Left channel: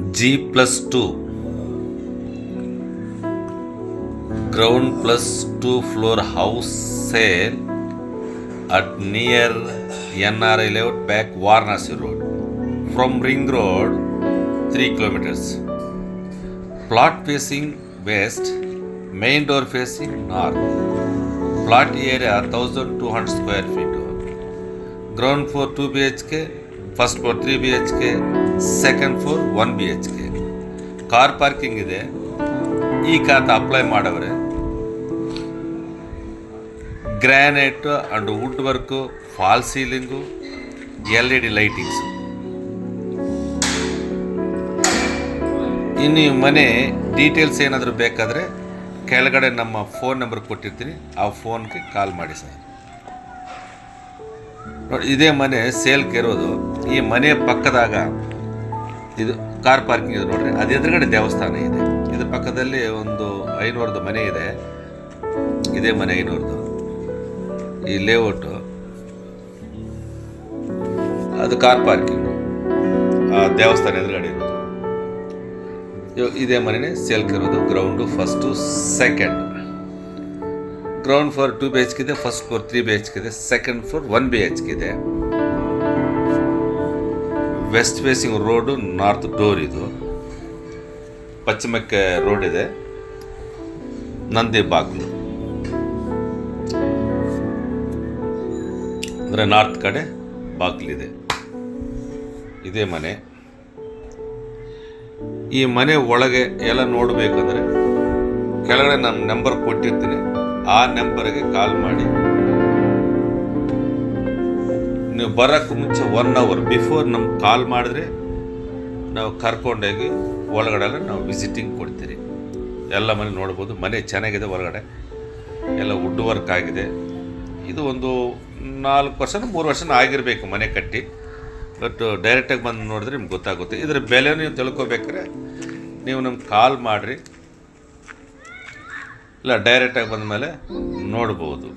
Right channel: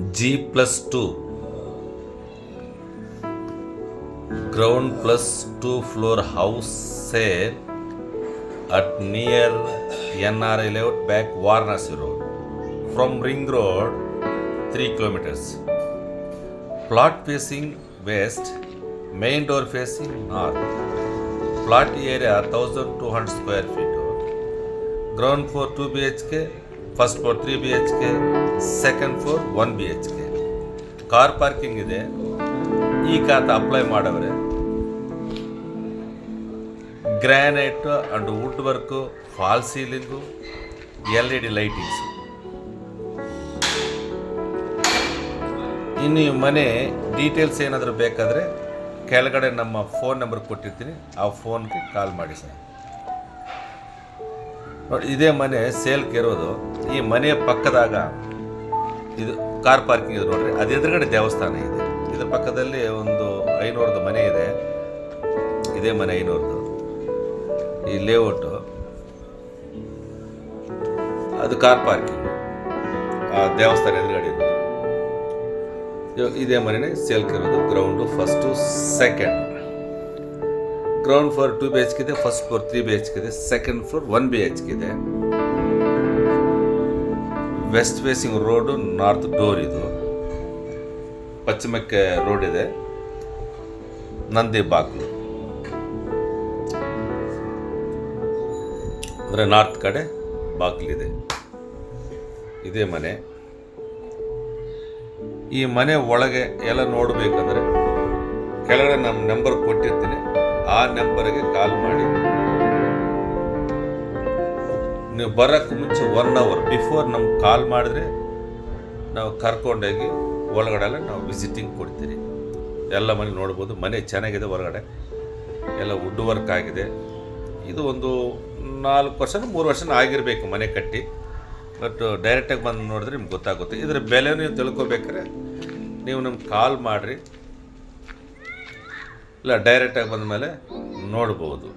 G+2 ground plus 2 floor house sale at near NRI layout back Varanasi road from Ring Road 3 kilometers. Plot facing west, main door facing north. Plot area 1200 square feet. Ground floor 2 BHK, first floor 3 BHK, second floor 1 BHK. Car parking ಇದೆ. ಈ ಖಾತೆ apply ಮಾಡವ್ರೆ. Granite and wood work, fall ceiling, LED lightings. ಇನ್ನು ಈ ಮನೆ details ಏನಾದರೂ ಬೇಕಾದರೆ ಕೆಳಗಡೆ ನಮ್ಮ ಫೋನ್ ನಂಬರ್ ಕೊಟ್ಟಿರ್ತೀನಿ, ಆ ಫೋನ್ಗೆ ಕಾಲ್ ಮಾಡಿ ಸರ್. ನೋಡಿ, ಇದೇ ಮನೆ ಸೇಲ್ಗೆ ಇರೋದು. ಈ ಮನೆ ಪಕ್ಕದಾಗ ಇದು ಕಾರ್ ಪಾರ್ಕಿಂಗ್ ಇದೆ ನೋಡ್ರಿ, ಅದು ಎದುರುಗಡೆ ದೇವಸ್ಥಾನ ಇದೆ. ಇದ್ರ ಪಕ್ಕದಲ್ಲಿ ಒಂದು 500ದ ಮನೆ ಇದೆ. ಇದೇ ಮನೆ 500ದು. ಈ ಲೇಔಟು ಅದು ಕಾರ್ ಪಾರ್ಕಿಂಗು, ಆ ದೇವಸ್ಥಾನ ಎದುರುಗಡೆ ಇರೋದು. ಇದೇ ಮನೆ ಸೇಲ್ಗೆ ಇರೋದು. Ground first, second. Ground floor 2 BHK ಇದೆ, ಫಸ್ಟ್ ಫ್ಲೋರ್ 3 BHK ಇದೆ, ಸೆಕೆಂಡ್ ಫ್ಲೋರ್ 1 BHK ಇದೆ. West facing road, north door ಇದು. ಪಶ್ಚಿಮಕ್ಕೆ ರೋಡ್ ಇದೆ, ನಂದಿ ಬಾಗಿಲು ಅಂದರೆ ನಾರ್ತ್ ಕಡೆ ಬಾಗಿಲಿದೆ. ಇದೇ ಮನೆ. ಈ ಮನೆ ಒಳಗೆ ಎಲ್ಲ ನೋಡಬೇಕಂದ್ರೆ ಕೆಳಗಡೆ ನಮ್ಮ ನಂಬರ್ ಕೊಟ್ಟಿರ್ತೀನಿ, ಆ ನಂಬರ್ಗೆ ಕಾಲ್ ಮಾಡಿ. ನೀವು ಬರೋಕ್ಕೆ ಮುಂಚೆ 1 hour ಬಿಫೋರ್ ನಮ್ಗೆ ಕಾಲ್ ಮಾಡಿದ್ರೆ ನಾವು ಕರ್ಕೊಂಡೋಗಿ ಒಳಗಡೆ ಎಲ್ಲ ನಾವು ವಿಸಿಟಿಂಗ್ ಕೊಡ್ತೀರಿ. ಎಲ್ಲ ಮನೆ ನೋಡ್ಬೋದು. ಮನೆ ಚೆನ್ನಾಗಿದೆ, ಹೊರಗಡೆ ಎಲ್ಲ ವುಡ್ ವರ್ಕ್ ಆಗಿದೆ. ಇದು ಒಂದು 4 ವರ್ಷ 3 ವರ್ಷ ಆಗಿರಬೇಕು ಮನೆ ಕಟ್ಟಿ. ಬಟ್ ಡೈರೆಕ್ಟಾಗಿ ಬಂದು ನೋಡಿದ್ರೆ ನಿಮ್ಗೆ ಗೊತ್ತಾಗುತ್ತೆ. ಇದರ ಬೆಲೆ ನೀವು ತಿಳ್ಕೊಬೇಕಾದ್ರೆ ನೀವು ನಮ್ಗೆ ಕಾಲ್ ಮಾಡಿರಿ, ಇಲ್ಲ ಡೈರೆಕ್ಟಾಗಿ ಬಂದ ಮೇಲೆ ನೋಡ್ಬೋದು.